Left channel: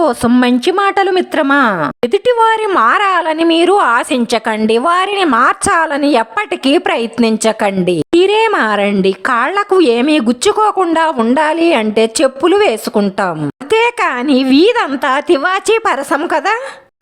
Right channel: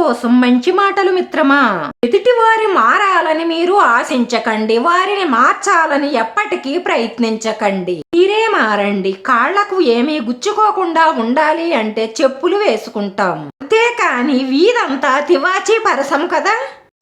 కోసం మంచి మాటలు మిత్రమా? ఎదుటి వారి మారాలని మీరు ఆశించకండి. వారిని మార్చాలని ఎప్పటికీ ప్రయత్నించకండి. మీరే మారండి. కాళ్ళకు ఏమీ గుచ్చుకోకుండా ఉండాలి అంటే చెప్పులు వేసుకుంటాం. అంతేకాని వీధంతా తివాచీ పరసం కదా?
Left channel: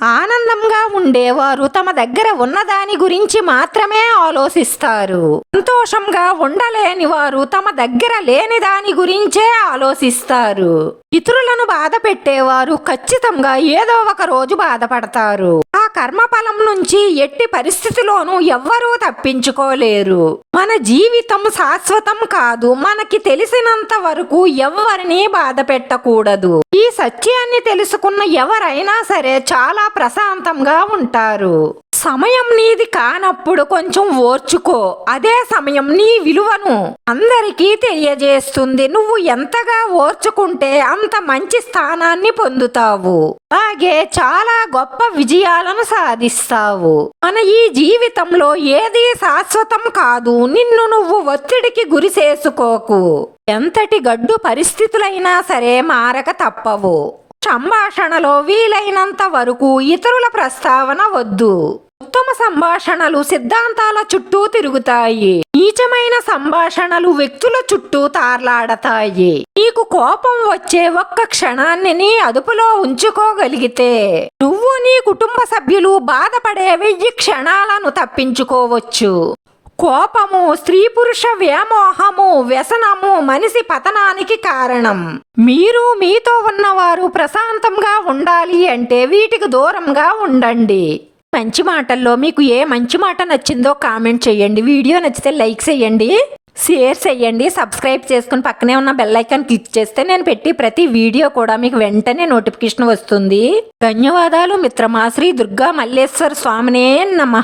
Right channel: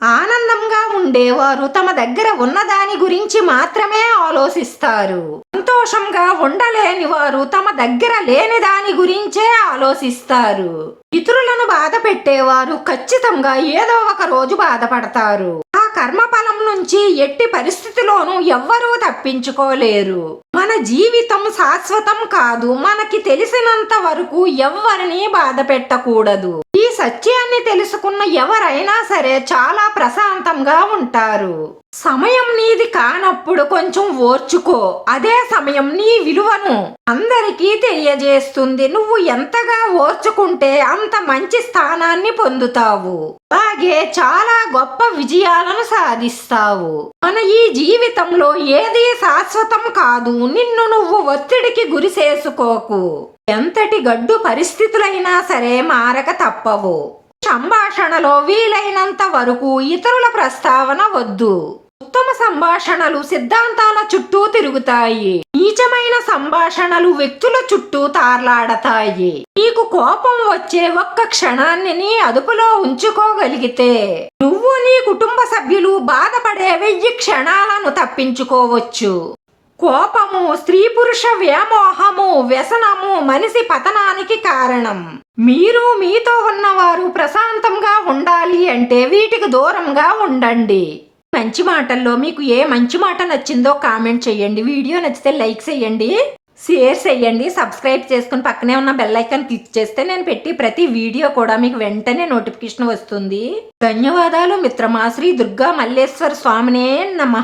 ఆనందంగా ఉండేవారు. తమ దగ్గర ఉన్నదాని గురించి మాత్రమే ఆలోచిస్తారు. సంతోషంగా ఉండలేని వారు తమ దగ్గర లేని దాని గురించే ఆలోచిస్తారు. ఇతరులను బాధ పెట్టేవారు ఖచ్చితంగా ఏదో ఒక రోజు బాధపడతారు. కర్మఫలం నుంచి ఎట్టి పరిస్థితిలోనూ ఎవ్వరూ తప్పించుకోలేరు. మన జీవితం శాశ్వతం కాదు. మనకి తెలిసినంత వరకు ఎవరిని బాధ పెట్టకూడదు. ఈ సత్యాన్ని తెలుసుకున్న ఎవరైనా సరే చాలా ప్రశాంతంగా ఉంటారు. సమయం నీది కానప్పుడు కొంచెం ఓర్చుకో. అదే సమయం నీ విలువను అందరికీ తెలియజేస్తుంది. నువ్వు ఎంతగా ఓర్చుకుంటే అంత మంచి స్థానాన్ని పొందుతావు. అలాగే చాలా గొప్ప విజయాలను సాధిస్తావు. మన ఈ జీవితంలో ఏది శాశ్వతం కాదు. నిన్ను నువ్వు ఒత్తిడికి గురి చేసుకోకు. ఎంతటి గడ్డు పరిస్థితులైనా సరే మారక తప్పవు. సంభాషణలో వీలైనంత వరకు ఇతరుల ప్రస్తావన వద్దు. ఉత్తమ సంభాషణలు సిద్ధాంతాల చుట్టూ తిరుగుతాయి. నీచమైన సంభాషణలు వ్యక్తుల చుట్టూ తార్లాడతాయి. నీకు కోపం వచ్చే ఒక్క క్షణాన్ని నీ అదుపులో ఉంచుకోగలిగితే నువ్వు నీ కుటుంబ సభ్యులు బాధపడే వెయ్యి క్షణాలను తప్పించుకోవచ్చు. కోపము స్త్రీ పురుష వ్యామోహము వ్యసనము మనిషి పతనానికి కారణం. మీరు మీతో ఉన్నవారు ప్రశాంతంగా ఉండాలి అంటే వీటికి దూరంగా ఉండండి. మంచి మాటల్లో మీకు ఏ మంచి మాట నచ్చిందో కామెంట్ చేయండి. వీడియో నచ్చితే లైక్ చేయండి షేర్ చేయండి సబ్స్క్రైబ్ చేసుకుని పక్కనే ఉన్న బెల్ ఐకాన్ క్లిక్ చేస్తే నేను పెట్టి ప్రతి వీడియో కూడా మీకు వెంటనే నోటిఫికేషన్ వస్తుంది. ధన్యవాదాలు మిత్రమా శ్రీ దుర్గా మల్లేశ్వర స్వామినే నమ.